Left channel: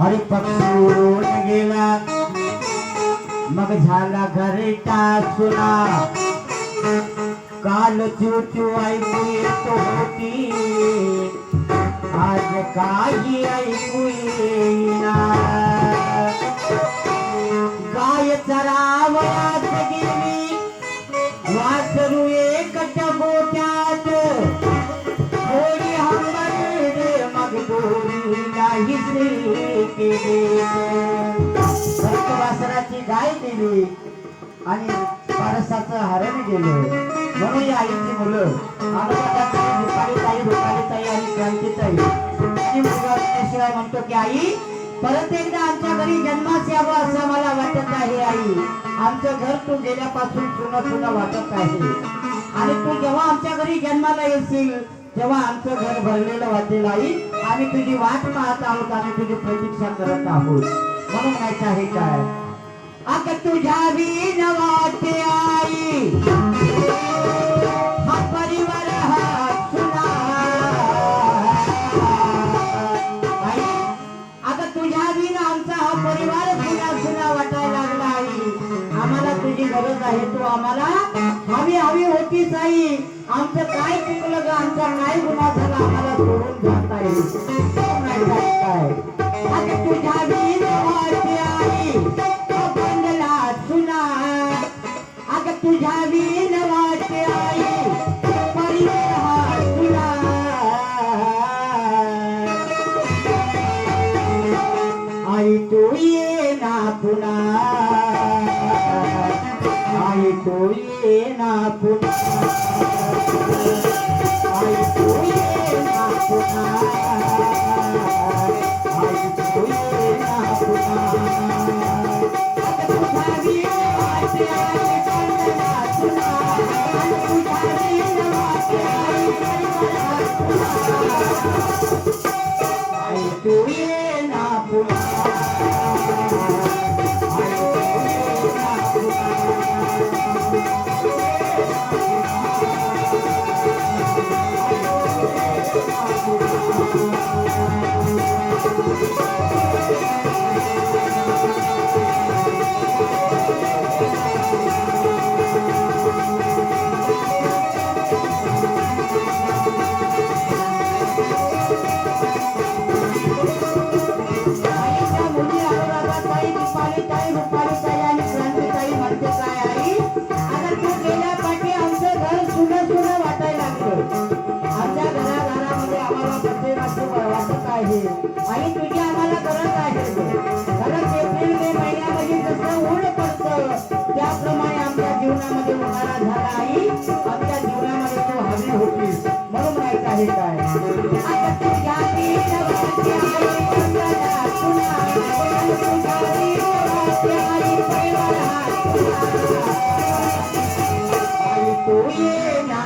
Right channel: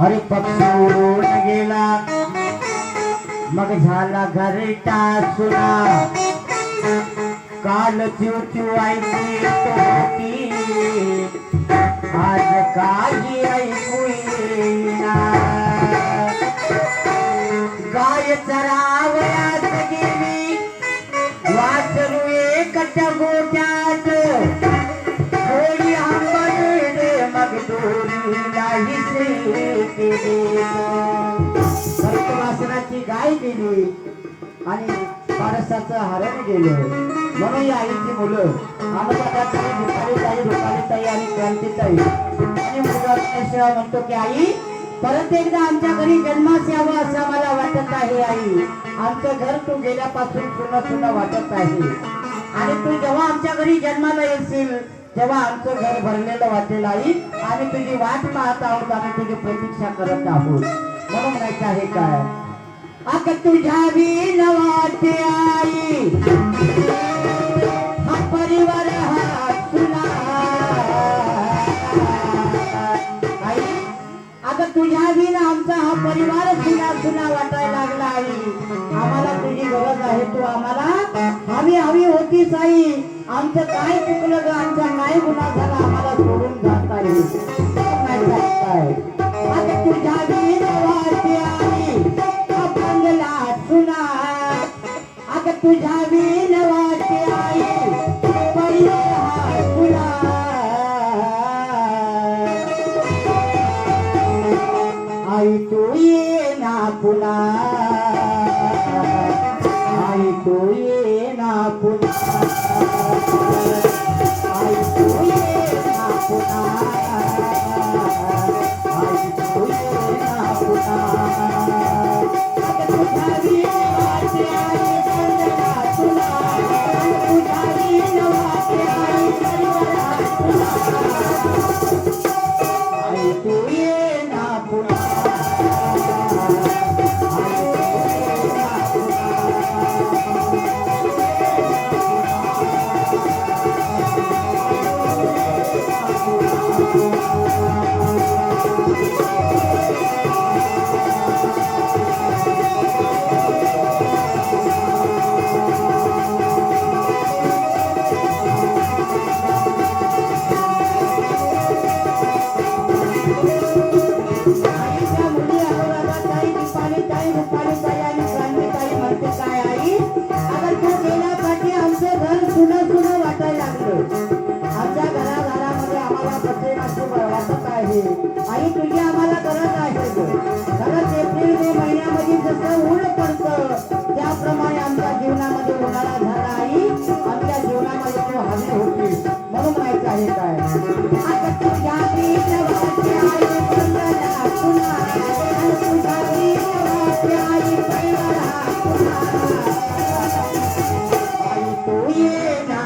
हरी पक्षी उडून गेला मग झाला घरटा सुना काल चिवचिव ऐकू येत होती आज काही ऐकू येईना गाय चरावयात गेली वासरू एकट्या गोट्यात थोडी हंबरडे मग दोरी नाहीच केली वासराची गाय गेली आणि पारसाचं हरण गेलं म्हणून या आईची मुलं रुपालीताई आणि क्रांतीताई आणि मुलगा म्हणतो की आई परत एकदा आमच्या घरी जन्मास यावं असं मला वाटत आहे आई आमचं घर तू गेल्यापासून पुन्हा पुन्हा वाटत आहे आणि तू जेव्हा आमच्या घरी जन्माला येशील तेव्हा आमचं घर भरलेलं वाटेल आई आम्ही तुझी वाट पाहत आहोत आम्ही तुझी प्रतीक्षा करत आहोत म्हणून म्हणायचं आहे काय अग तुझ्या विन वाटे आई हा परिवार हा सुना आई अग तुझ्या विन आमचा हा परिवार सुना सुना वाटायला लागला आई आम्हाला तुझी गरज आहे तू आम्हाला हवी हवी होतीच आई आमचं काय चुकलं ग आमचा काय गुन्हा झाला आम्हाला सोडून जात आहे काय अग तुझ्या विन वाटे आई तुझ्या विन वाटे आई परिवार तुला आई तू ये ना पुन्हा आई तू ये ना पुन्हा आई तू ये ना पुन्हा आई तू ये ना पुन्हा तुझ्या विन वाटे आई तू ये ना आई तुझी आम्हाला गरज आहे खरंच एप्रिल मे महिन्यामध्ये जसं ऊन पडतं त्याप्रमाणे आमच्या जीवनामध्ये उन्हाळा झाला आई आमच्या जीवनामध्ये तो हवी होती म्हणून माहित आहे काय आई तू ये ना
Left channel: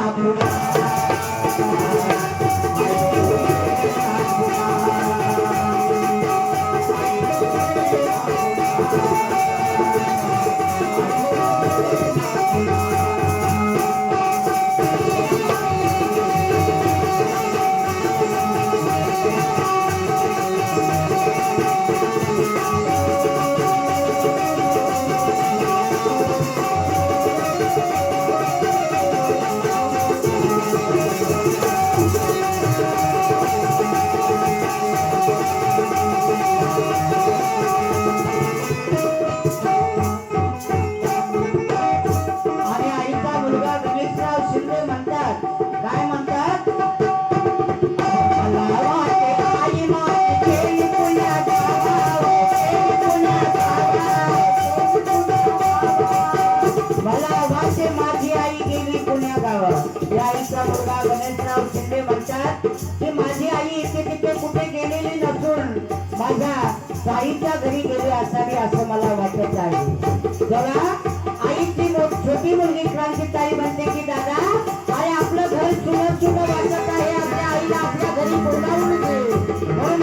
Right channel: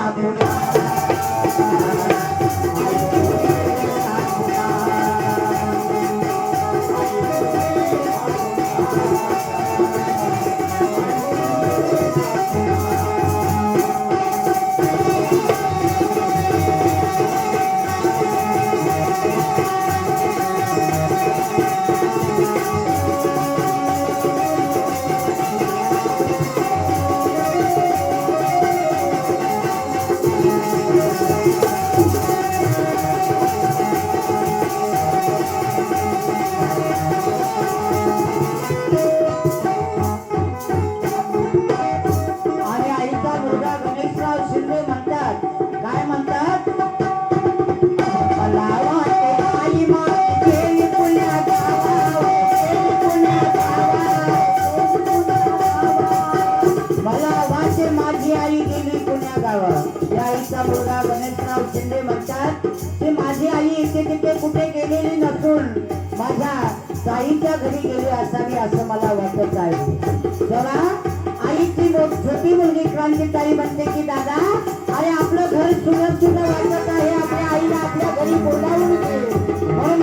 ताईच्या घरी गेले असावी असं मला वाटत आहे. जरा आईची छोटी मुलगी क्रांतीताई म्हणते की